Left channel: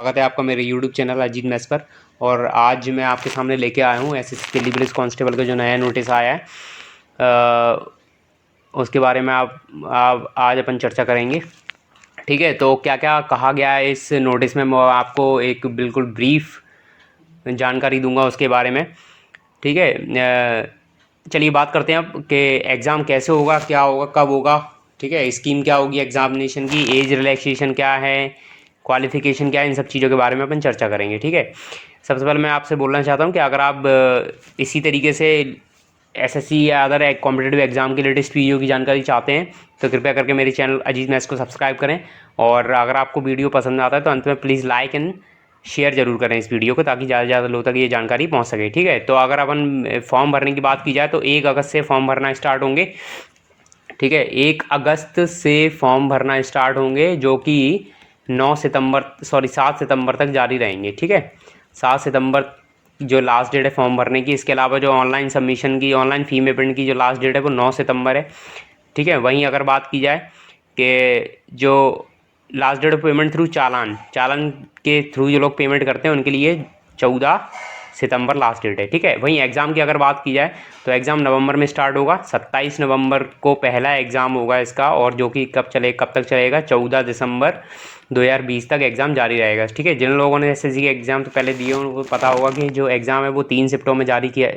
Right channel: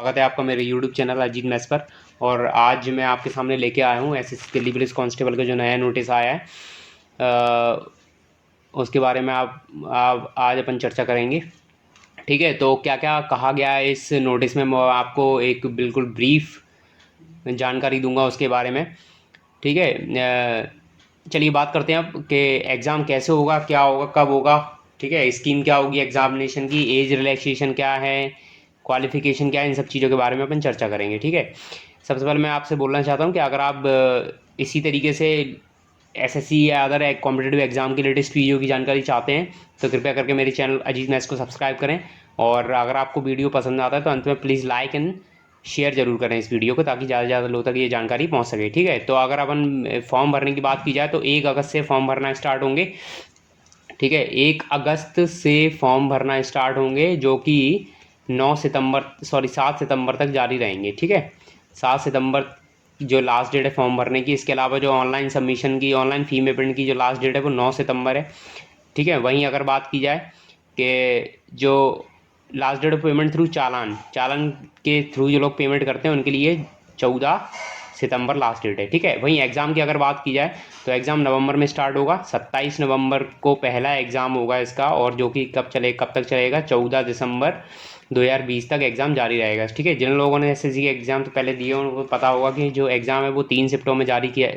स्वागत है आपका मेरे यूट्यूब चैनल अजीत मैथ्स पर। और आज मैं आपके सामने लेके आया हूँ एसएससी दिल्ली पुलिस कांस्टेबल का जो नया नोटिस आया है, उसके बारे में आप आज अपन चर्चा करेंगे। ठीक है, तो क्या क्या कहा गया है इस नोटिस में, मैं आपको एक बिल्कुल ब्रीफ जानकारी दूंगा उसके बारे में। ठीक है, चलिए बात करते हैं अब कि एग्ज़ाम कैसे होगा, क्या होगा, कब होगा। ठीक है, स्कीम क्या होगी एग्जामिनेशन की, एज रिलैक्सेशन क्या है, क्वालिफिकेशन क्या है, इन सब चीज़ों के बारे में अपन चर्चा करेंगे। ठीक है, सबसे पहले मैं आपसे बोलना चाहता हूँ कि अगर आप इसी तरीके से एसएससी या अदर कॉम्पिटेटिव एग्जाम की लेटेस्ट वीडियो की जानकारी चाहते हैं तो कृपया करके मेरे चैनल अजीत मैथ्स को सब्सक्राइब करें। और अगर आपको वीडियो पसंद आता है तो अंत में प्लीज़ लाइक एंड शेयर जरूर करें इस वीडियो को, ताकि ज़्यादा से ज़्यादा लोगों तक ये जानकारी पहुंच सके। ठीक है, तो अगर अपन फॉर्म भरने की बात की जाए तो 1 अगस्त से फॉर्म भरना स्टार्ट होंगे। ठीक है, 1 अगस्त से फॉर्म भरना स्टार्ट होंगे, जो कि 7 सितंबर तक जारी रहेंगे। ठीक है, 7 सितंबर जो लास्ट डेट है फॉर्म भरने की। इसके अलावा जो ऑनलाइन सबमिशन की, ऑनलाइन फी पेमेंट की जो लास्ट डेट है वो 9 सितंबर है। ठीक है, वहीं अगर बात की जाए कि जो last date of payment through challan challan के थ्रू जो लोग पेमेंट करते हैं उनके लिए 14 सितंबर लास्ट डेट है। ठीक है, वहीं एग्ज़ाम की अगर बात की जाए तो एग्ज़ाम नवंबर में स्टार्ट होगा। 27 नवंबर को पहला एग्ज़ाम होगा इसका, और जो कि कब तक चलेगा, 14 दिसंबर 2020 तक एग्ज़ाम जारी रहेगा। ठीक है, जिन लोगों ने एसएससी के एग्ज़ाम तो पहले दिए उनको पता होगा कि जो एग्ज़ाम है वो 3 शिफ्टों में जारी किया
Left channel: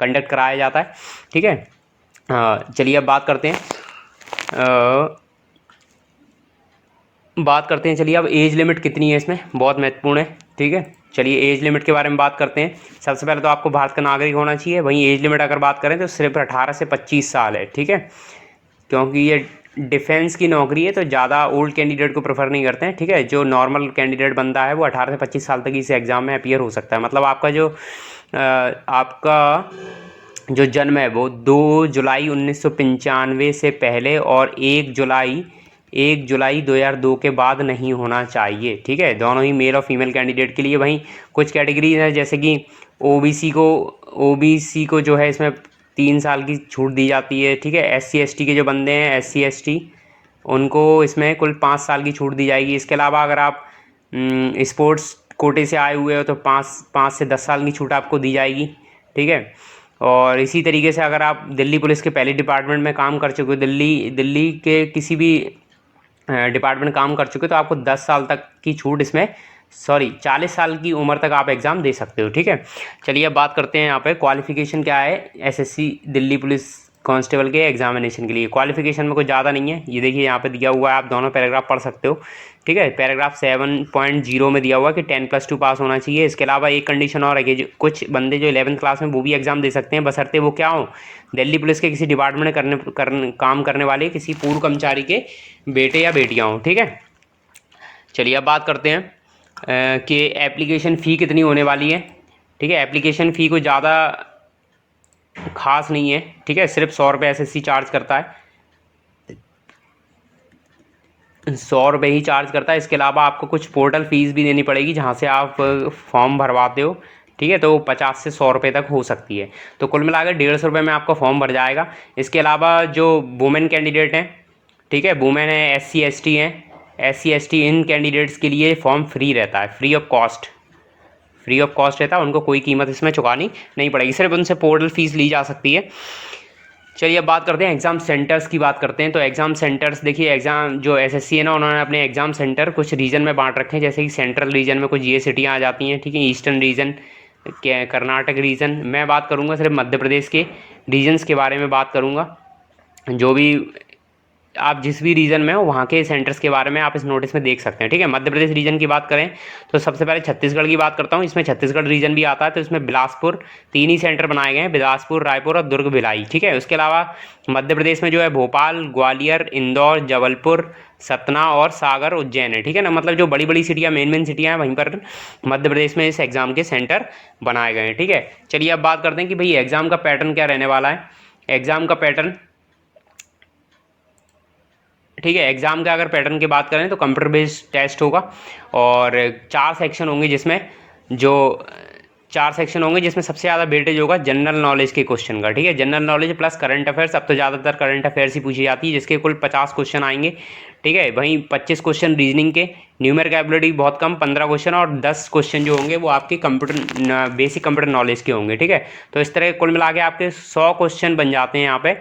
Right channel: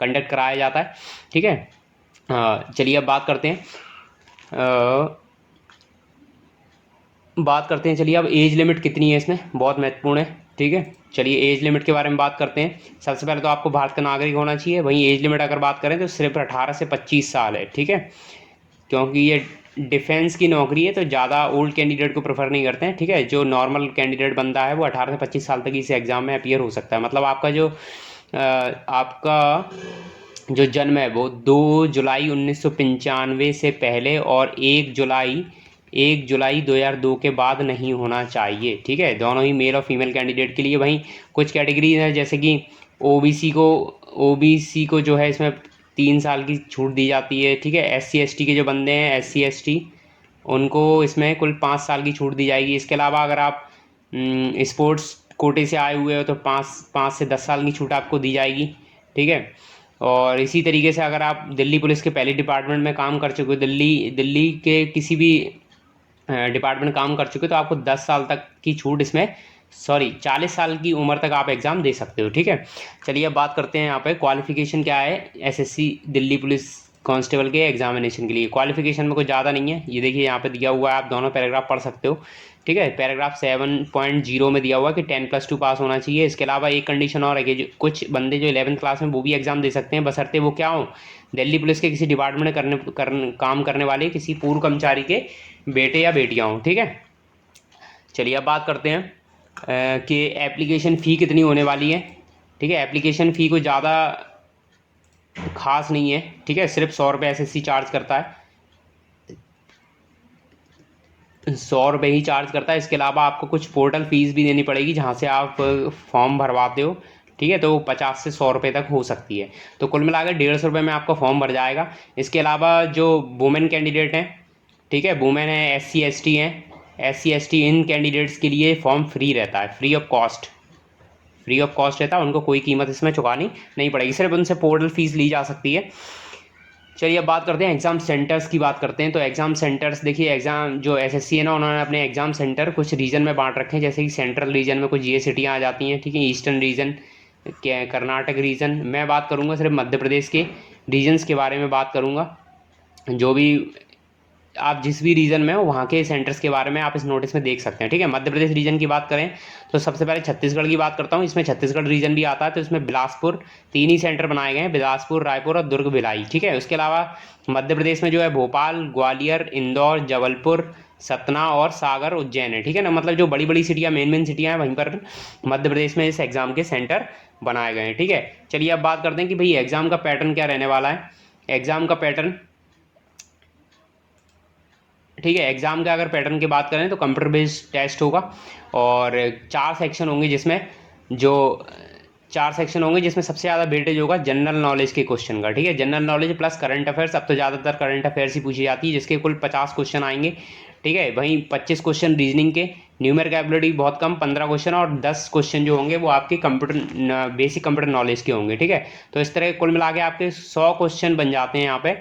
कंडक्ट कराया जाता है। ठीक है, चलिए अब बात करते हैं। चलिए अब एज लिमिट कितनी है इसमें, बहुत महत्वपूर्ण है। ठीक है, चलिए एज लिमिट के बारे में बात करते हैं। सबसे पहले तो आपको भारत का नागरिक होना चाहिए। वहीं एज लिमिट अगर बात करें तो सिर्फ 18 से 25 साल है। ठीक है, क्योंकि ये डिफेंस की नौकरी है तो ज़्यादा ओल्ड कैंडिडेट को प्रेफर नहीं करते हैं। ठीक है, जो नॉर्मल कैंडिडेट बनता है वो 18 से 25 साल तक इस एग्ज़ाम में अपीयर हो सकता है। मतलब आपका जो जन्म है वो 2 जुलाई 1995 से पहले और 1 जुलाई 2002 के बाद नहीं होना चाहिए। ठीक है, दोनों ही मेल और फीमेल कैंडिडेट के लिए। वहीं कुछ कैटेगरीज है, जैसे कि ओबीसी को जो है इसमें 3 साल की छूट दी जाती है। ठीक है, SC ST के जो बंदे हैं, SC ST, उनको इसमें कुल 5 साल की छूट दी जाएगी। इसके अलावा अगर आप स्पोर्ट्स कोटे से आए हुए हो तो 5 से 10 साल की छूट आपको दी जाएगी। ठीक है, और इसी तरीके से अगर आप दिल्ली पुलिस के पहले डिपार्टमेंट में काम कर चुके हो, दिल्ली के किसी भी डिपार्टमेंट काम कर चुके हो, तो आपको 10 साल तक की छूट इसमें 40 साल की उम्र तक आप एग्ज़ाम दे सकते हो। ठीक है, चलिए अब बात करते हैं यहाँ पे क्वालिफिकेशन क्या है एसएससी दिल्ली पुलिस कांस्टेबल के एग्जामिनेशन के लिए। क्वालिफिकेशन में कुछ ज़्यादा नहीं है, ये देखिए यहाँ पे दिया हुआ है, आप दोनों पैराग्राफ पढ़ सकते हो। ठीक है, पैराग्राफ 7.0 में दिया हुआ है कि 10+2 पास होना चाहिए। इसके अलावा एक कंडीशन और है कि कुछ बंदे जो 11th क्लास में वो भी एग्ज़ाम दे सकते हैं, बशर्ते वो क्या हो, दिल्ली पुलिस के किसी डिपार्टमेंट में काम करने वाले किसी पूर्व कर्मचारी के बेटे या बेटियाँ हों। ठीक है, चलिए अब बात करते हैं कि एप्लीकेशन फ़ी कितनी होने वाली है। ठीक है, एप्लीकेशन फ़ी कोई ज़्यादा खास नहीं है। ठीक है, सिर्फ 100 रुपये एसएससी चार्ज करता है, 100 रुपये ही चार्ज करता है। इसके अलावा आपको कुछ पोर्टल फीस भी देनी पड़ेगी जहाँ से आप फॉर्म भरवाते हो। ठीक है, तो 50 से 100 रुपये तक हो सकती है, तो कुल मिलाकर 150 रुपये में आपका फॉर्म भर जाएगा। इसके अलावा जो वुमेन कैंडिडेट हैं, ठीक है, वुमेन है, SC ST हैं, SC ST इन कैंडिडेट्स के लिए फॉर्म फ्री रहता है, फ्री ऑफ कॉस्ट रहता है। उनको कोई कीमत इसमें चुकानी नहीं पड़ेगी, सिर्फ उनसे पोर्टल फीस ली जा सकती है। चलिए अब बात करते हैं एग्ज़ाम सेंटर्स की बात करते हैं। तो एग्ज़ाम सेंटर्स देखिए, एग्ज़ाम जो एसएससी है ना, उन्होंने अपने एग्ज़ाम सेंटर कुछ रीजन में बांट रखे हैं। जैसे कि सेंट्रल रीजन में कुछ ये सिटियाँ आ जाती हैं। ठीक है, ईस्टर्न रीजन, कर्नाटक रीजन। मैं बात करूँगा सिर्फ मध्य प्रदेश के रीजन्स के बारे में बात करूँगा। जो भी आप जिस भी रीजन में हो वहाँ के सेंटर्स के बारे में आप इस नोटिस में देख सकते हैं। ठीक है, मध्य प्रदेश रीजन की बात करें तो सबसे पहले छत्तीसगढ़ की बात करता हूँ। इसमें छत्तीसगढ़ रीजन भी आता है, तो इसमें बिलासपुर, 3 ही सेंटर बनाए गए हैं, बिलासपुर, रायपुर और दुर्ग भिलाई। ठीक है, उसके अलावा मध्य प्रदेश में जो है भोपाल, ग्वालियर, इंदौर, जबलपुर, सतना और सागर, उज्जैन है। ठीक है ना, मतलब जो बड़ी बड़ी सिटियाँ, मेन सिटियाँ हैं, वहीं पर मध्य प्रदेश में इस एग्ज़ाम के सेंटर बनाए गए हैं। ठीक है, चलिए अब बात करते हैं कि भाई एग्ज़ाम का पैटर्न क्या रहने वाला है। एग्ज़ाम का पैटर्न, ठीक है, एग्ज़ाम का अगर पैटर्न की बात करें तो कंप्यूटर बेस्ड टेस्ट होगा, और 4 सेक्शन होंगे जिसमें जो 4 सेक्शन होंगे जिसमें सबसे ज़्यादा वेटेज होगा जनरल नॉलेज के क्वेश्चन का। ठीक है, general knowledge plus current affairs. अब तो ज़्यादातर करंट अफेयर्स ही पूछी जाती है, जिसके कुल 50 क्वेश्चन आएंगे। ठीक है। वहीं 25 क्वेश्चन रीजनिंग के, न्यूमेरिक एबिलिटी बहुत कम 15 क्वेश्चन, और 10 क्वेश्चन जो होंगे वो आपके कंप्यूटर बेसिक कंप्यूटर नॉलेज के होंगे, ठीक है। तो इस तरह कुल मिला के आपके 100 क्वेश्चन बन जाते हैं यहाँ पे,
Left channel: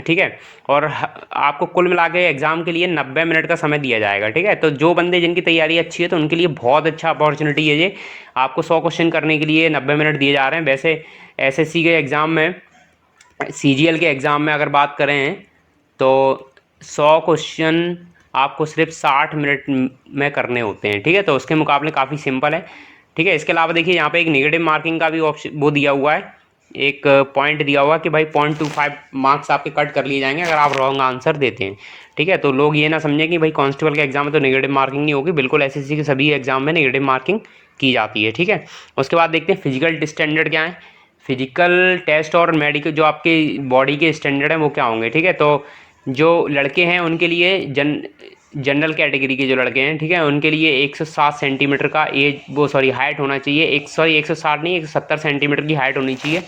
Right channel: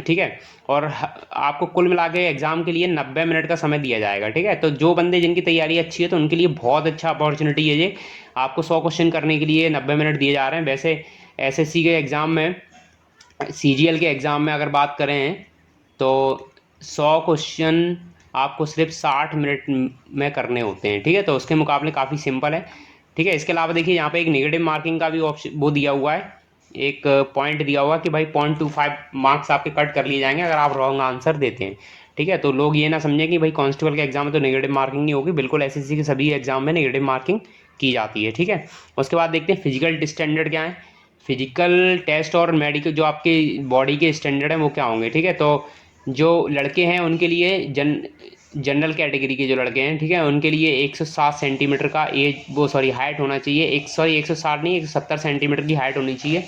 ठीक है। और आपको कुल मिला के एग्जाम के लिए 90 मिनट का समय दिया जाएगा, ठीक है। तो जो बंदे जिनकी तैयारी अच्छी है तो उनके लिए बहुत अच्छा अपॉर्चुनिटी है ये, आपको 100 क्वेश्चन करने के लिए 90 मिनट दिए जा रहे हैं। वैसे एसएससी के एग्ज़ाम में, सीजीएल के एग्ज़ाम में अगर बात करें तो 100 क्वेश्चन आपको सिर्फ 60 मिनट में करने होते हैं, ठीक है। तो उसके मुकाबले काफ़ी सिंपल है, ठीक है। इसके अलावा देखिए यहाँ पे एक नेगेटिव मार्किंग का भी ऑप्शन वो दिया हुआ है, एक पॉइंट दिया हुआ कि भाई 0.25 मार्क्स आपके कट कर लिए जाएंगे अगर आप रॉन्ग आंसर देते हैं, ठीक है। तो लोग ये ना समझें कि भाई कांस्टेबल के एग्जाम में तो नेगेटिव मार्किंग नहीं होगी, बिल्कुल एसएससी के सभी एग्जाम में नेगेटिव मार्किंग की जाती है, ठीक है। उसके बाद देखते हैं फिजिकल स्टैंडर्ड क्या है। फिजिकल टेस्ट और मेडिकल जो आपके बॉडी के स्टैंडर्ड हैं वो क्या होंगे, ठीक है। तो जो लड़के हैं उनके लिए जनरल कैटेगरी के जो लड़के हैं, ठीक है, उनके लिए 107 सेंटीमीटर का हाइट होना चाहिए। 160 नहीं, 170 सेंटीमीटर की हाइट होनी चाहिए,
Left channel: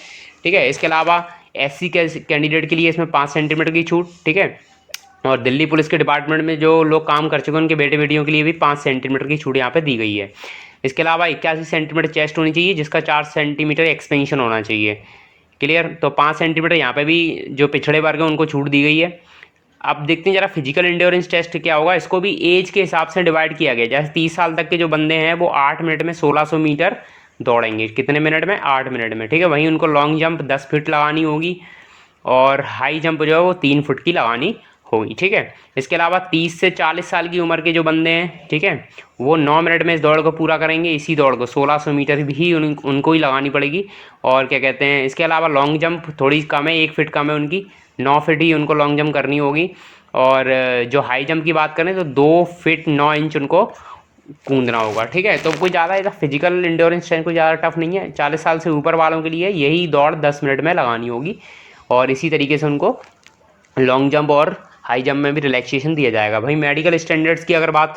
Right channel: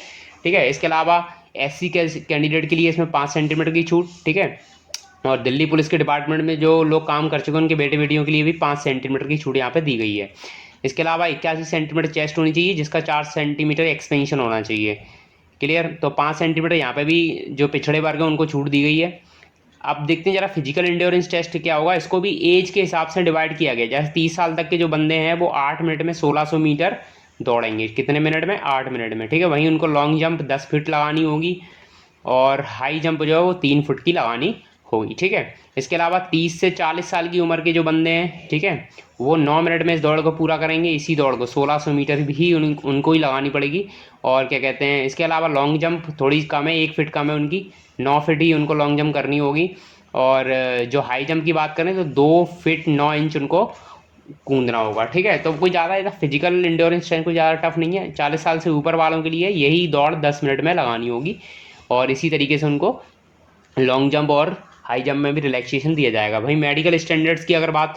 ठीक है। इसके अलावा एससी के कैंडिडेट के लिए इसमें 5 सेंटीमीटर की छूट, ठीक है। और दिल्ली पुलिस के डिपार्टमेंट में जो लोग काम कर चुके हैं उनके बेटे बेटियों के लिए भी 5 सेंटीमीटर की छूट यहाँ पे दी गई है। इसके अलावा 81 सेंटीमीटर चेस्ट होनी चाहिए, जिसका 4 सेंटीमीटर एक्सपेंशन होना चाहिए, क्लियर। तो 5 सेंटीमीटर यहाँ पे भी जो पिछड़े वर्ग हैं उनको छूट दी गई है। अब देखते हैं जरा फिजिकल एंड्योरेंस टेस्ट क्या होगा। इसको भी एज के हिसाब से डिवाइड किया गया, जैसे 30 साल तक के जो बंदे हैं वो 8 मिनट में 1600 मीटर दौड़ेंगे, कितने मिनट में, 8 मिनट में, ठीक है। वहीं उनको लॉन्ग जंप 10 फीट लगानी होगी, और हाई जंप जो है वो 3 फुट की लगानी होगी, ठीक है। इसके अलावा 30 से 40 साल की उम्र के जो बंदे हैं, ठीक है, वो 9 मिनट में इस दौड़ को पूरा करेंगे। इसी दौड़ को 1600 मीटर भी उनको ही लगानी पड़ेगी। और क्या कहते हैं, इसके अलावा लॉन्ग जंप थोड़ी कम है, 1 फीट कम है उनकी, 9 फीट ही उनको लॉन्ग जंप करनी होगी। और जो हाई जंप की बात करें तो 2 फीट 9 इंच उनको कूदना होगा, ठीक है। तो कोई ज़्यादा इधर फिजिकल इंड्योरेंस ट्रेन कोई ज़्यादा टफ नहीं है। 40 साल से ऊपर वालों के लिए यही दौड़ 10 मिनट में लगानी होगी, और इसी तरीके से उनको लॉन्ग जंप और हाई जंप में भी रिलैक्सेशन दिया जाएगा। भाई मेडिकल स्टैंडर्ड्स की अगर बात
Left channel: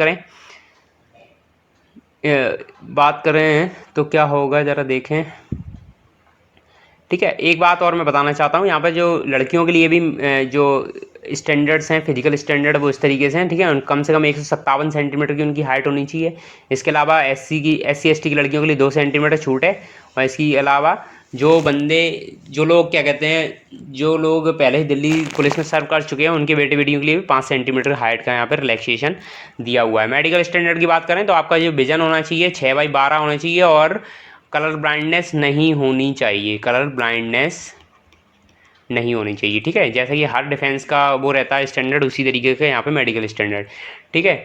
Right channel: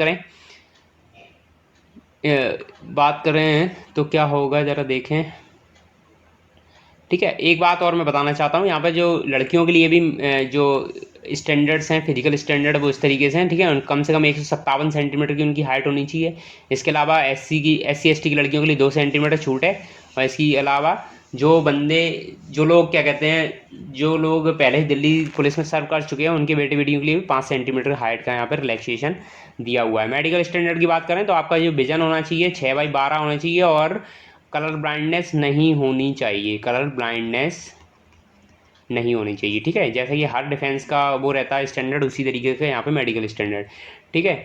करें तो क्या होगा ज़रा देखें, ठीक है। एक बात और मैं बताना चाहता हूँ, यहाँ पर जो लड़कियों के लिए भी जो स्टैंडर्ड्स हैं फिजिकल स्टैंडर्ड वो इस तरीके से हैं, ठीक है। कम से कम 157 सेंटीमीटर की उनकी हाइट होनी चाहिए। इसके अलावा एससी एसटी की लड़कियों के लिए 2 सेंटीमीटर छूट है। और इसके अलावा जो लोग क्या कहते हैं, जो लोग पहले ही दिल्ली पुलिस में सर्व कर चुके हैं उनके बेटे बेटियों के लिए भी 5 सेंटीमीटर हाइट का यहाँ पर रिलैक्सेशन दिया हुआ है। मेडिकल स्टैंडर्ड की बात करें तो आपका जो विजन होना चाहिए 6/12 होना चाहिए, और कलर ब्लाइंडनेस नहीं होनी चाहिए, कलर ब्लाइंडनेस नहीं होनी चाहिए, ठीक है। जैसे कि हर डिफेंस का वो रहता है स्टैंडर्ड, उसी तरीके का यहाँ पे मेडिकल स्टैंडर्ड, ठीक है।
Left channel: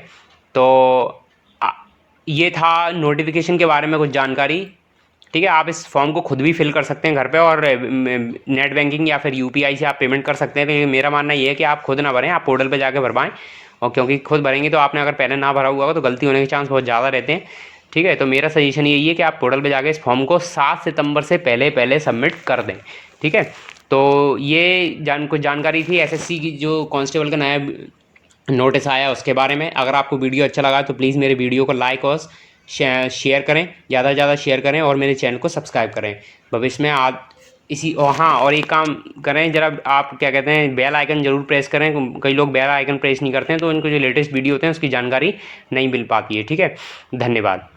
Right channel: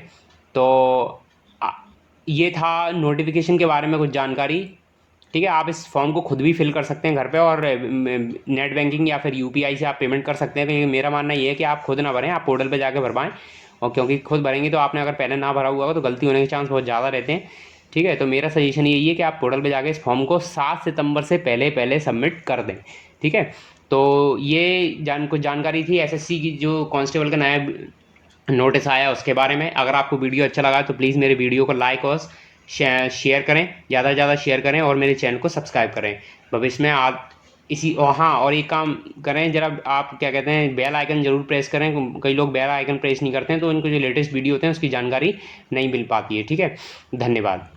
तो ये था नोटिफिकेशन के बारे में कुछ जानकारी, ठीक है। आप इस फॉर्म को खुद भी फिल कर सकते हैं घर पे, और नेट बैंकिंग या फिर यूपीआई से आप पेमेंट कर सकते हैं। तो मेरा मानना ये है कि आप खुद ना भरें, आप पोर्टल पे जाके भरवाएं, और क्योंकि खुद भरेंगे तो आपने अगर पहले ना भरा हुआ होगा तो गलती होने के चांस बहुत ज़्यादा रहते हैं, ठीक है। तो मेरा सजेशन यही है कि आप पोर्टल पे जाके इस फॉर्म को 7 सितंबर से पहले सबमिट कर दें, ठीक है। तो ये कुछ जानकारी थी एसएससी की जो कांस्टेबल का नया नोटिस आया उसके बारे में। अगर आपको वीडियो अच्छा लगा तो प्लीज़ मेरे वीडियो को लाइक और शेयर करें, ज़्यादा से ज़्यादा शेयर करें, और मेरे चैनल को सब्सक्राइब करें भविष्य में। आप और एक काम करें ज़रा, आप क्या कहते हैं, बेल आइकन ज़रूर प्रेस करें। कई लोग बेल आइकन प्रेस नहीं करते हैं तो उनको जो लेटेस्ट वीडियो होते हैं उसकी जानकारी नहीं मिल पाती है, ठीक है। धन्यवाद।